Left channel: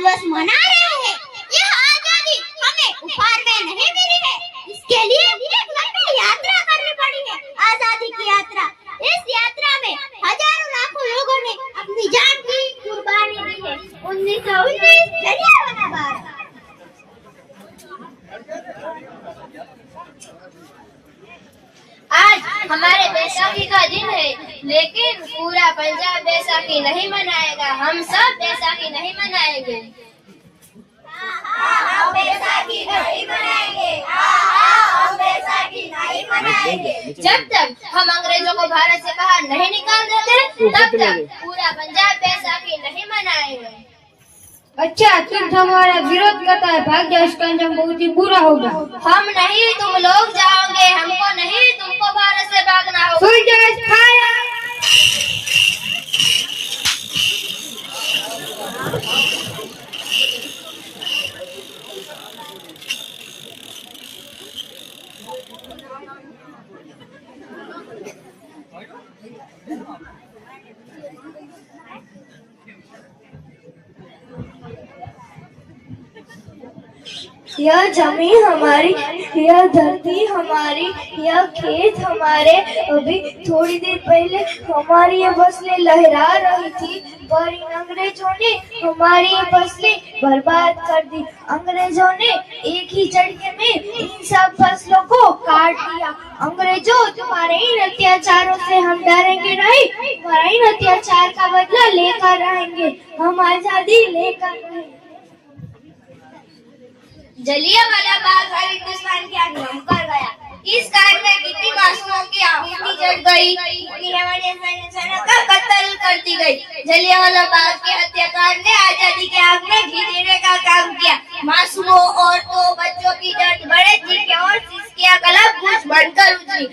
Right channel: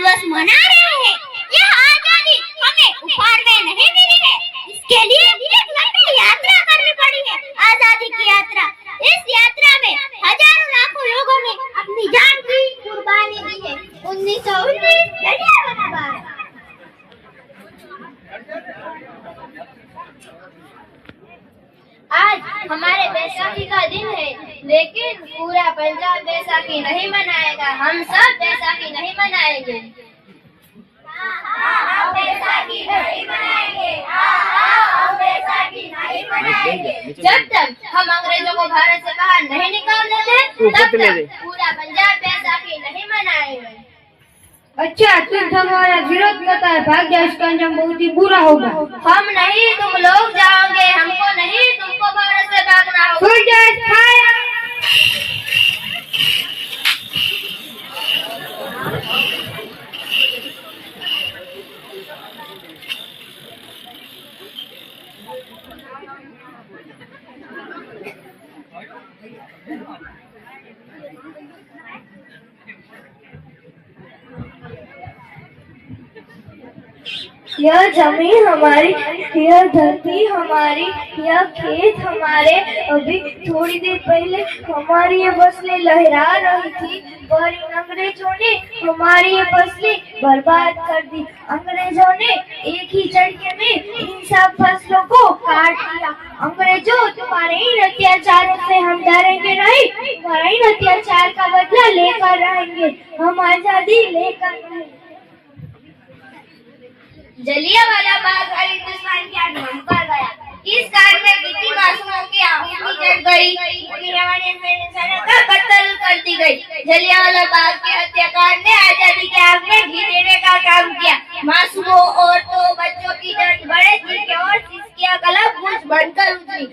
दिवस मना रहे हैं। यह आजादी हमें उपहार में नहीं मिली है, इसके लिए एक लंबी यात्रा करनी पड़ी है, आजादी की यात्रा। इस यात्रा में हजारों लाखों लोगों ने अपनी जान की कुर्बानी दी है। 1919 जलियांवाला बाग। आज हमारे बैसाखी का दिन है, लेकिन पूरा पंजाब बैसाखी नहीं मनाएगा। हम सब बैसाखी नहीं मनाएंगे। हम बैसाखी नहीं मनाएंगे। हम बैसाखी नहीं मनाएंगे। जब तक हम अंग्रेजों को भारत से बाहर नहीं निकाल देते, तब तक पूरा पंजाब बैसाखी नहीं मनाएंगे। अच्छा, तुम हमारा विरोध करता है, भाग जाओ, इसका अंजाम बहुत ही बुरा होगा। हम नहीं, तुम लोग जाओगे, हमको नहीं, तुमको भारत से भागना होगा। यह जमीन हमारी, यह धरती हमारी, यह खेत हमारे। अभी थोड़ी देर पहले हमारी ये फसलें लहरा रही थी, पर इन अंग्रेजों ने हमारी ये फसलें बर्बाद कर दी। अंग्रेजों ने एक ही झटके में इन सब फसलों को काट दिया। अंग्रेजों, तुम्हारे इन अत्याचारों से हम डरेंगे नहीं, तुम्हारे इन अत्याचार का बदला लेकर रहेंगे, हम आजादी लेकर रहेंगे। जलियांवाला बाग हर हिंदुस्तान की आंख बंद कर गया। इस कांड में कितनी मासूमों की आंखें जल गई, का कत्ल कर दी गई। जलियांवाला बाग के हत्याकांड ने आजादी के आग में घी देने का काम किया। मासूमों, औरतों, बच्चों की दर्द बड़े चीखें और सिसकियां गला गूंज बनकर उठी।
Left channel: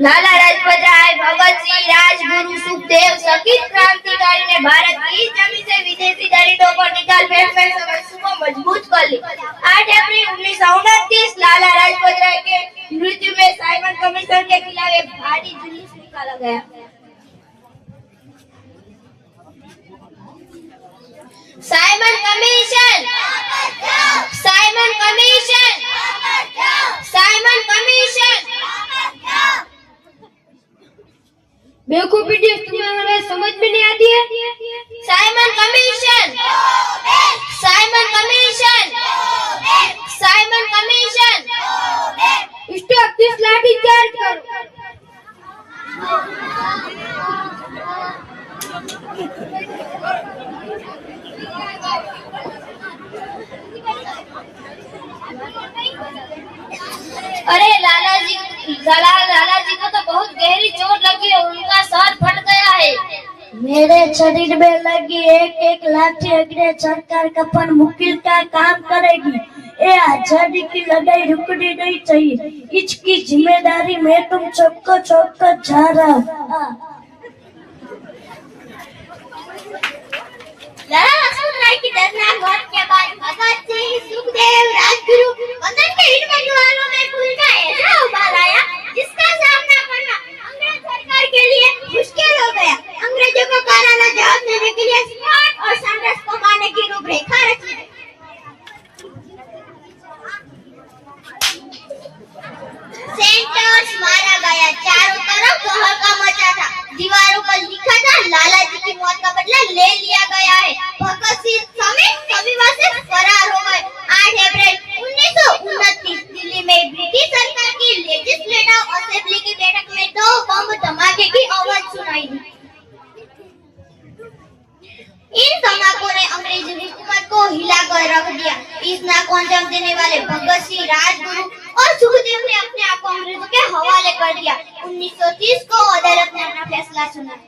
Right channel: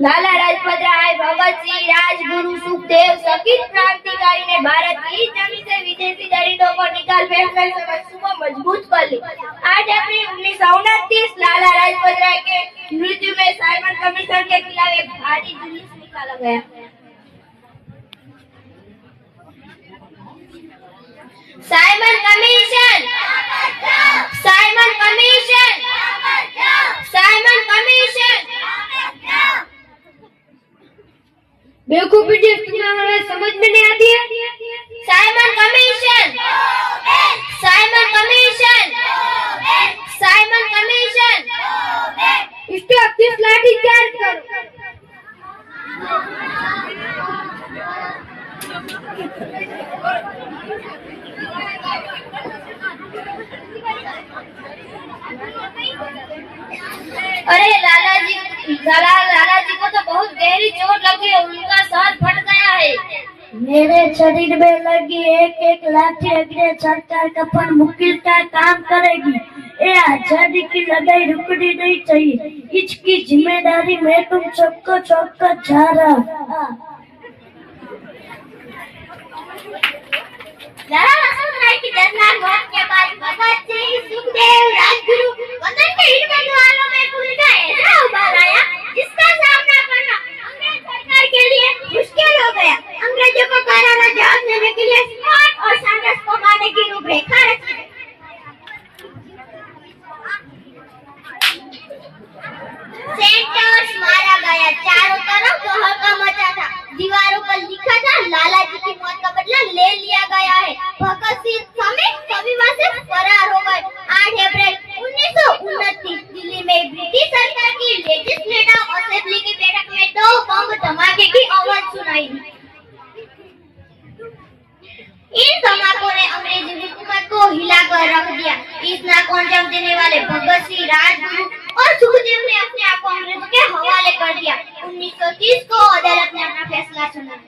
लाला लाजपत राय, भगत सिंह, राजगुरु, सुखदेव, शहीद क्रांतिकारी ने भारत की इस जमीन से विदेशी दलितों को निकाल फेंककर समस्या को मजबूत कर ली। 8 अप्रैल 1929 लाला लाजपत राय के मृत्यु में साइमन कमीशन के खिलाफ एक भारी जुलूस निकाला गया। Simon commission, Simon commission, Simon commission. बेवकूफी तुम्हें हमें समझ में नहीं आती है। Simon commission, Simon commission, Simon commission. इसको 30 लाठी चार्ज करो। अरे लाला जी को तो बहुत गहरी चोट लगी और उनका सर फट गया है। मेरे शरीर में लगी एक एक लाठी अंग्रेज सरकार का पर मुकिल का काम करेगी। ये आजादी की लड़ाई रुकनी नहीं चाहिए, इसकी जिम्मेदारी मैं तुम सबको सौंपकर जा रहा हूँ। लाला लाजपत राय की दर्दनाक मौत के बाद भगत सिंह, सुखदेव, राजगुरु, वतन के इन परिवारों में खुद का ऐसा उबाल आया जिसका सामना करना अंग्रेज सरकार के लिए मुश्किल हो गया। अंग्रेजों को करारा जवाब देने के लिए स्मार्ट और सैंडर्स को मारने की रूपरेखा रची गई। सेंटर्स मारा गया, चारों तरफ हड़का मचा था, दीवारों पर लिखा था लाला जी की मौत का बदला ले लिया गया है। भगत सिंह समेत सभी वहां से फरार हो गए। 8 अप्रैल 1929 दिल्ली में ब्रिटिश सरकार की लेजिस्लेटिव असेंबली की बैठक में 2 बम धमाके की आवाज सुनाई दी। इन धमाकों ने अंग्रेजी हुकूमत को हिलाकर रख दिया। इस नाक को अंजाम देने वाले भगत सिंह, राजगुरु और सुखदेव ने अपने आप को अंग्रेजों के हवाले कर दिया। 1930 को अदालत ने अपना फैसला सुनाया।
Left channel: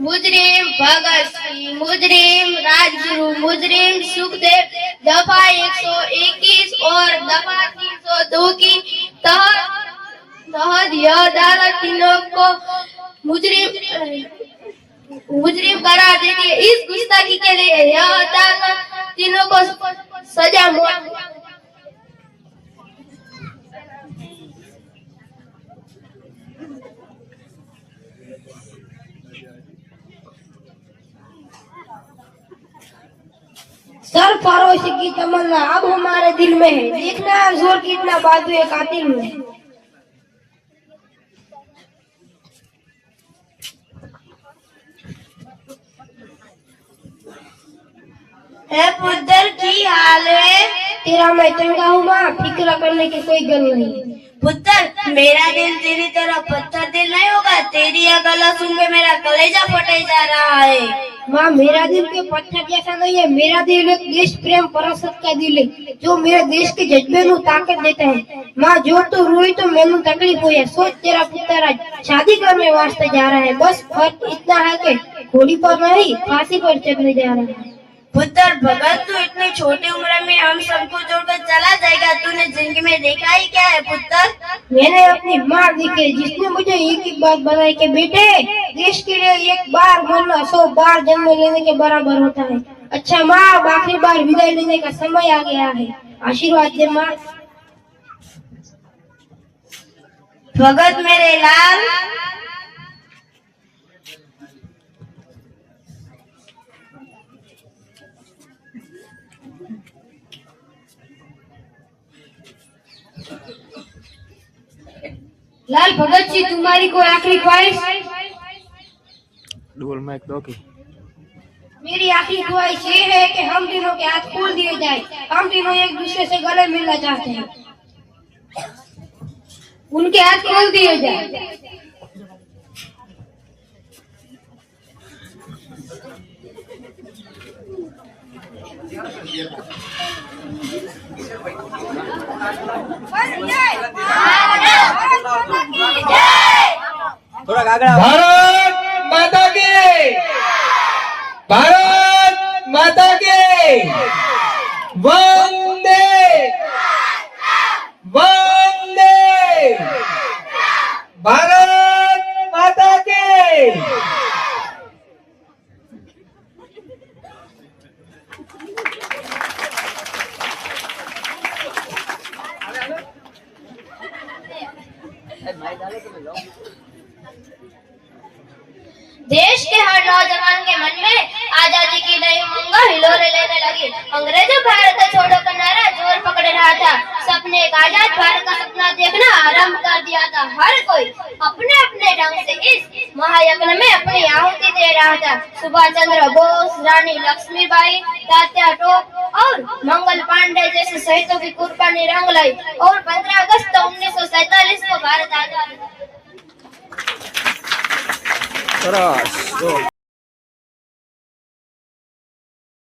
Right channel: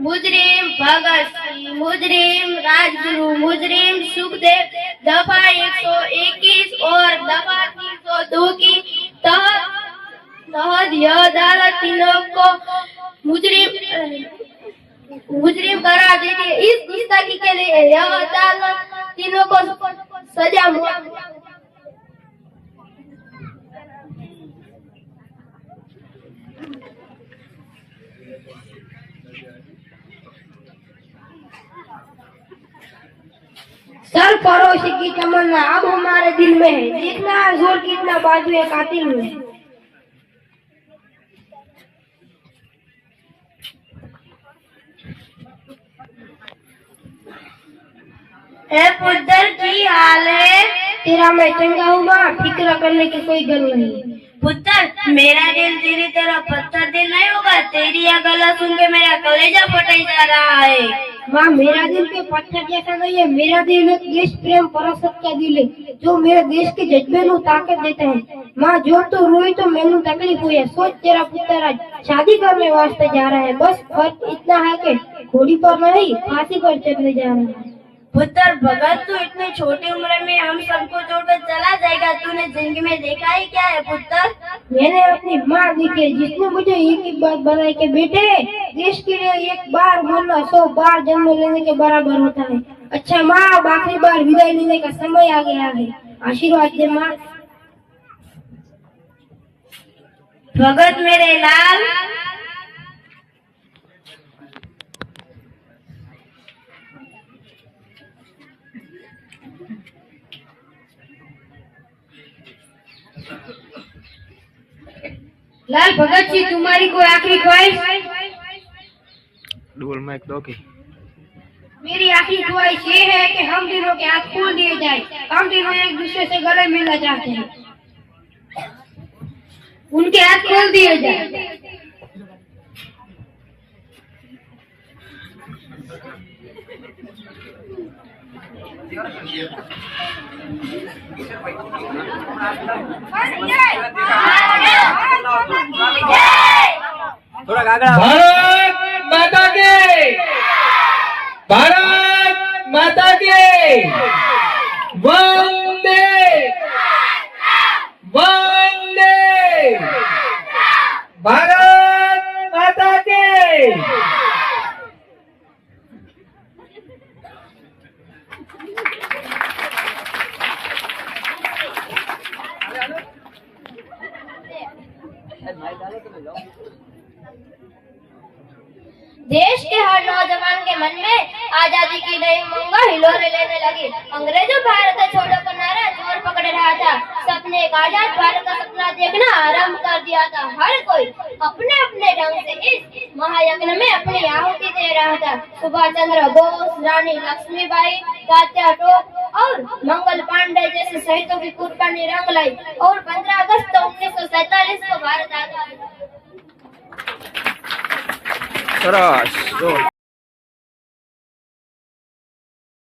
मुजरिम भगत सिंह, मुजरिम राजगुरु, मुजरिम सुखदेव दफा 121 और दफा 302 की तहत यह अदालत तीनों को मुजरिम करार देती है। इस गुस्ताखी के लिए यह अदालत तीनों को सजा मौत। सरफरोश की तमन्ना अब हमारे दिल में है, देखना है जोर कितना बाजू कातिल में। है पुत्र की हाल है? तेरा मैं चंगा हूँ माँ, फिक्र करने की कोई गल नहीं। पुत्र मेरा दिल तेरी तरह पत्थर दिल नहीं होगा। तेरी यह गला सुन के मेरा कलेजा फटे जा रहा है। माँ मेरा दिल के पत्थर जैसा नहीं है, मेरा दिल एक देश प्रेम परसत का दिल है जो मेरे देश के जज्बे को ताकत देता है। माँ जो तू रोई तो मैंने तकलीफ हुई है। सोच तेरा पुत्र आज शादी करने वास्ते जा रहा है, बस फर्क इतना है कि घोड़ी पर नहीं फांसी पर चढ़ने जा रहा है। पुत्र भगत तू इतनी छोटी उम्र में हम सबको छोड़कर चला जाएगा। तूने जिंदगी में देखा ही क्या है पुत्र? मैंने अपनी माँ देखी जिसने मुझे एक ही बात बताई कि बेटे देश के लिए एक बार मरना 100 बार जन्म लेने के बराबर होता है। अच्छा माँ अब आखिरी बार विदाई लेने का समय आ गया है, आशीर्वाद दे माँ। भगत मेरे लाल, लाल भगत जी तुम्हारी कोई आखिरी ख्वाहिश? डबल माइक दो की। मेरी आखिरी ख्वाहिश ये है कि हम तीनों के हाथ खोल दिए जाए। हम तीनों एक दूसरे से गले मिलना चाहते हैं, उनके हाथ खोल दिए जाए। भारत माता की, भारत माता की, वंदे वंदे, भारत माता की। देश के हर नौजवान के मन में आजादी की नई उमंग हिलोरे लेने लगी। अंग्रेजों भारत छोड़ो का नारा जोर पकड़ रहा था। सबने एक आजाद भारत का सपना देखना आरंभ कर दिया था। हर कोई अपने अपने ढंग से इस महायज्ञ में अपनी आहुति दे रहा था। सुभाष चंद्र बोस, रानी लक्ष्मीबाई, तात्या टोप और मंगल पांडे जैसे शहीदों की कुर्बानी रंग लाई और 15 अगस्त 1947 को भारत आजाद। सरस।